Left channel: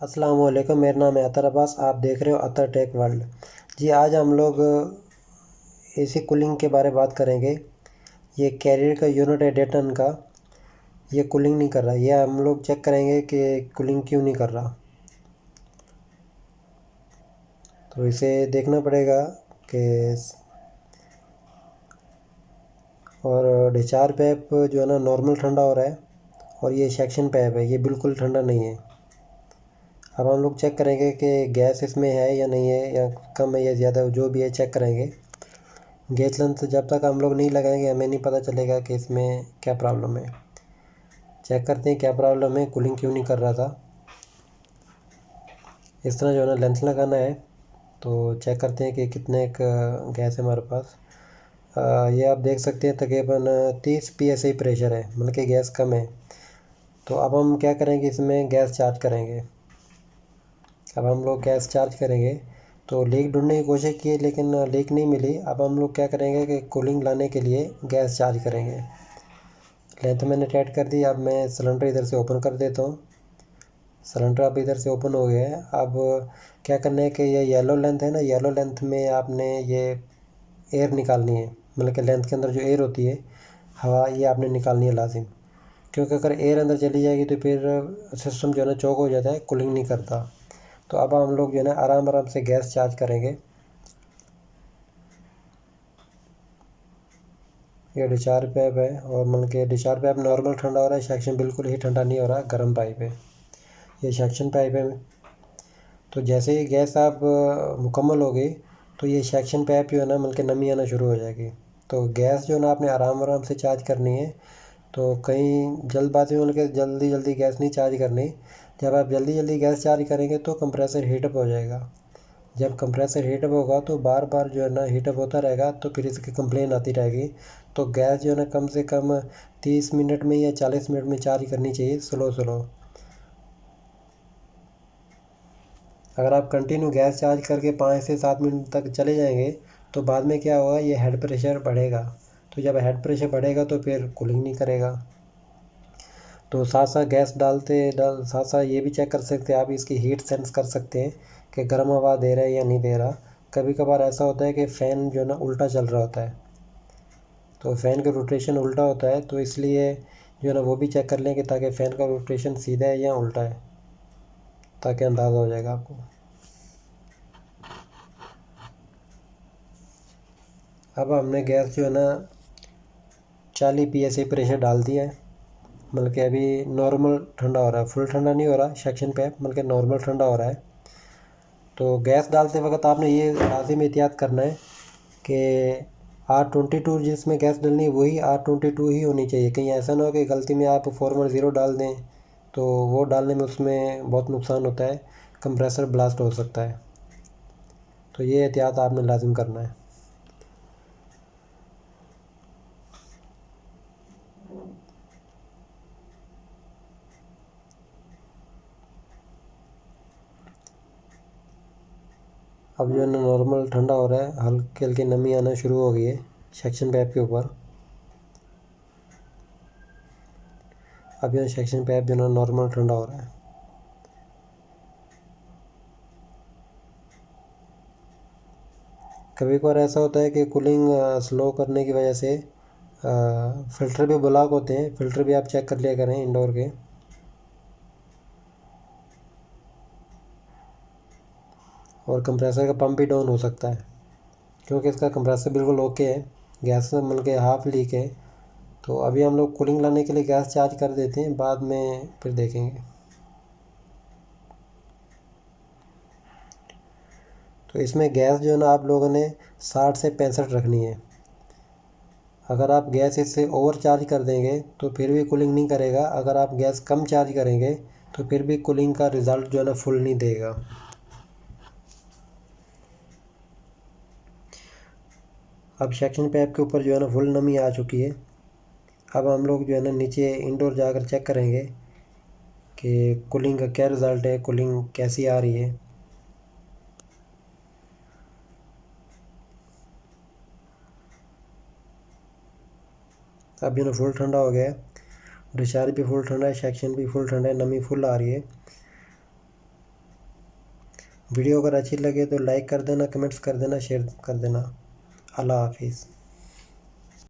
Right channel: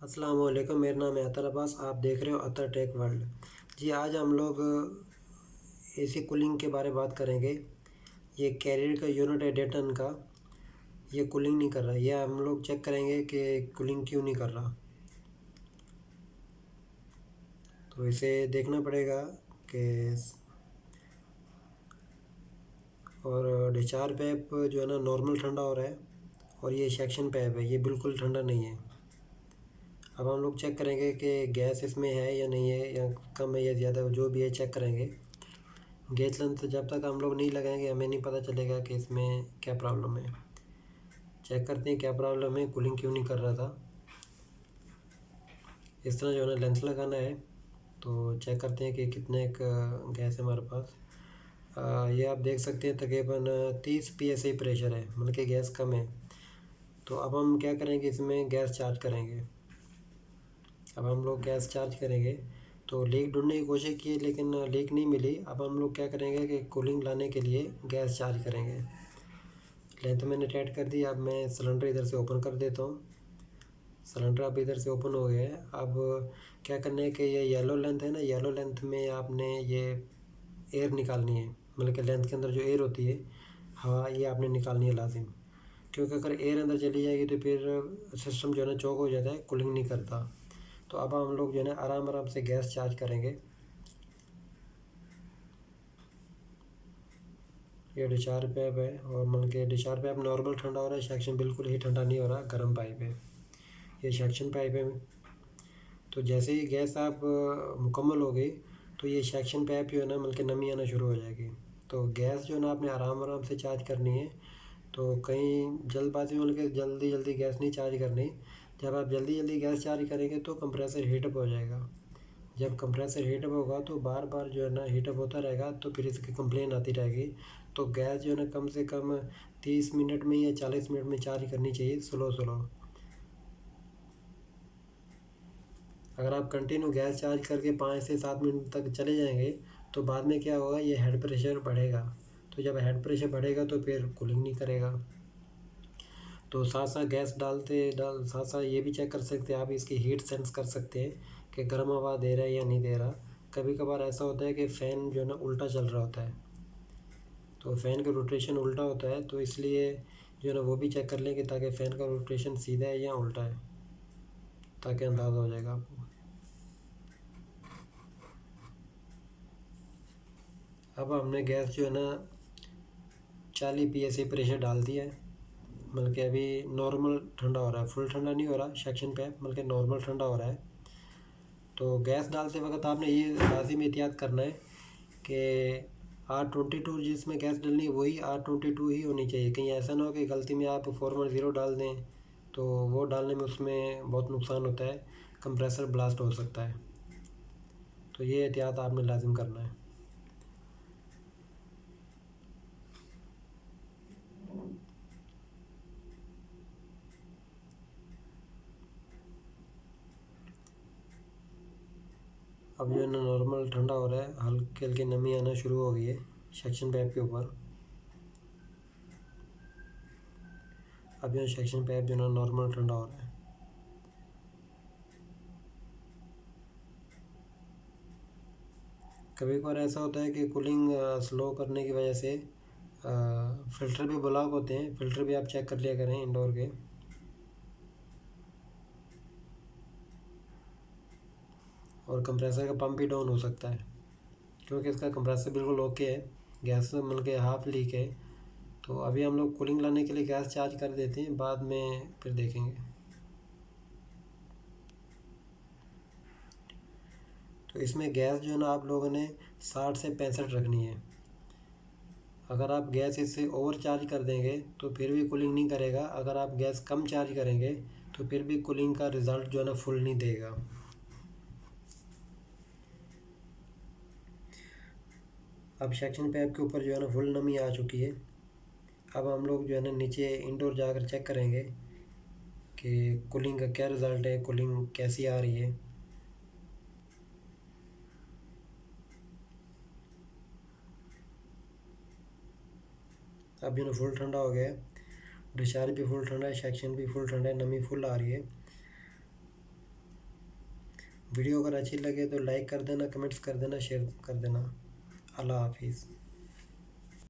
अस्सलाम वालेकुम। मेरा नाम है अतर अब्बास। आप देख रहे हो अतर टेक वर्ल्ड। जी, आज हम लोग एसी कूलिंग के बारे में बात करेंगे। ये कैरियर का यूनिट है डेटन का, ये कूलिंग नहीं कर रहा। ये हम लोग चेक करेंगे कि कूलिंग क्यों नहीं कर रहा। तो इसे देखना पड़ेगा कि और डिस्चार्ज पैप जो है ना नॉर्मल ठंडा हो रहा है, और ये सेक्शन पैप है, ये बिल्कुल ठंडा नहीं है। अब हम लोग चेक करेंगे कि गैस इसमें है या नहीं है, या कम है या ज़्यादा, जो भी है चेक करेंगे। गैस लेंथ जब तक हम लोग नहीं लगाएंगे हमें नहीं पता चलेगा कि इसमें क्या प्रॉब्लम है। चेक करते हैं क्या प्रॉब्लम है, कूलिंग क्यों नहीं कर रहा था। इस तरह जो है ना लेंथ लगाना है। तो चेक करते हैं कि कितने गैस है हमारे पास। ये आप देख सकते हैं तकरीबन 30 PSI प्रेशर है, मतलब कि गैस कम है। तो अब हम क्या करेंगे, इसमें गैस चार्ज करेंगे। अब हम लोग गैस चार्ज करेंगे तो लीक ढूंढने की कोशिश की लेकिन लीक नहीं मिली। अब हम लोग क्या करेंगे कि कूलिंग लाने के लिए गैस चार्ज करेंगे। लेंथ मैंने टाइट कर दी। अब मैं सिलेंडर इधर से ओपन कर देता हूँ। सिलेंडर अब इधर से ओपन हो गया है। अब क्या करना है कि ये येलो लेंथ है ना, येलो लेंथ में आपने ये एयर निकालनी है। मतलब कि लेंथ के अंदर जो एयर होती है, हवा, ये आपने निकालनी है लाजिम। क्योंकि अगर एयर अंदर चली जाएगी तो फिर सिस्टम जो है ना चौक हो जाता है, कूलिंग नहीं करता। तो अब हम लोग जो है ना आराम आराम से गैस चार्ज करेंगे। ये डिस्चार्ज पैप है, और मतलब कि डिस्चार्ज पैप नॉर्मल ठंडा हो रहा है, सेक्शन बिल्कुल ही ठंडा नहीं हो रहा, गर्म पाइप है। ये सेक्शन पाइप है। तो जैसे ही गैस आप मुकम्मल हो गई तो ये सेक्शन पाइप जो है ना मतलब कि नमी आना शुरू हो जाएगी। तो गैस जो है ना आपने आराम आराम से चार्ज करनी है। तो कहीं जल्दबाजी में मतलब कि जल्दी जल्दी गैस नहीं चार्ज करनी। जब आप जल्दी जल्दी गैस चार्ज करेंगे तो कंप्रेसर हीटअप हो जाएगा। जब कंप्रेसर हीटअप होगा तो बार बार जो है ना हीटअप होता रहेगा, तो फिर इसकी कंप्लेन आती रहेगी। तो गैस जो है ना कम से कम 30 मिनट में या 40 मिनट में चार्ज करनी चाहिए, स्लो स्लो। अगर आप कंटिन्यू गैस चार्ज करके 5 से 7 मिनट तक चले जाएंगे तो बाद में क्या होगा, ये हेड प्रेशर बढ़ेगा। तो जब हेड प्रेशर बढ़ेगा तो फिर कूलिंग नहीं करेगा। तो साथ साथ गैस साथ साथ ये भी चेक कर सकते हैं आप, इसकी हीट सेंस कर सकते हैं कि गर्म हवा दे रहा है या नहीं दे रहा। कभी कभार ऐसा होता है कि फ़ैन जो है ना उल्टा चल रहा होता है, तो फ़ैन का रोटेशन उल्टा होता है, तो इसलिए जो है ना वो भी चेक कर लें कि ताकि फ़ैन का रोटेशन सीधा है या उल्टा है, ताकि अंदाज़ा हो जाएगा आपको। अब हमने गैस जो है ना 40 PSI प्रेशर डाल दिया है। मतलब कि अभी नॉर्मल ठंडा हो रहा है, फुल ठंडा नहीं हो रहा सेक्शन पे, मतलब कि नॉर्मल ठंडा हो रहा है। तो गैस डालते वक्त आपने ये लाजिम एहतियात करना है कि R22 जिसमें गैस डलनी है वही R22 ही होनी चाहिए। कहीं ऐसा ना हो कि गलती में आप 410 डाल दें, तो वो डालने में उसमें बहुत नुकसान होता है, कंप्रेसर ब्लास्ट हो सकता है। तो ये एहतियात आपने लाजिम करना है। अब जो है ना नॉर्मल ठंडा हो रहा है, हल्की हल्की नमी आना शुरू हो गई है सेक्शन पैप के ऊपर। अब जो सेक्शन पैप जो है ना नॉर्मल ठंडा हो रहा है। कभी कभार ऐसा होता है कि कूलिंग स्लो करने की वजह से फ़िल्टर भी ब्लॉक होते हैं। फ़िल्टर भी आप चेक कर लिया करें इंडोर के। और कंप्रेसर का पंप भी डाउन हो सकता है, क्योंकि इसका कंप्रेसर बिल्कुल ओके है, गैस मिल के हाफ लीक है। तो अभी हम लोग कूलिंग लाने के लिए गैस चार्ज कर देते हैं, बाद में फिर देखेंगे। तो इसमें गैस जो है ना आप लोगों ने 60 से 65 रखनी है। अगर आप गैस इससे ओवर चार्ज कर देंगे तो फिर भी कूलिंग नहीं करेगा। अगर आप गैस कम चार्ज करेंगे तो फिर भी कूलिंग का रिज़ल्ट जो है ना फुल नहीं देगा। अब सेक्शन पैप के ऊपर जो है ना फुल नमी आ चुकी है। अब हम लोग जो है ना नीचे इंडोर जाकर चेक करेंगे कि कूलिंग का क्या रिज़ल्ट है, कूलिंग कैसी आ रही है। अब जो ना फुल ठंडा हो गया है, डिस्चार्ज भी फुल ठंडा है, सेक्शन भी फुल ठंडा है, नमी फुल आ रही है। वीडियो अगर अच्छी लगे तो लाइक कर देना, कमेंट्स कर देना, शेयर कर देना। अल्लाह हाफिज़।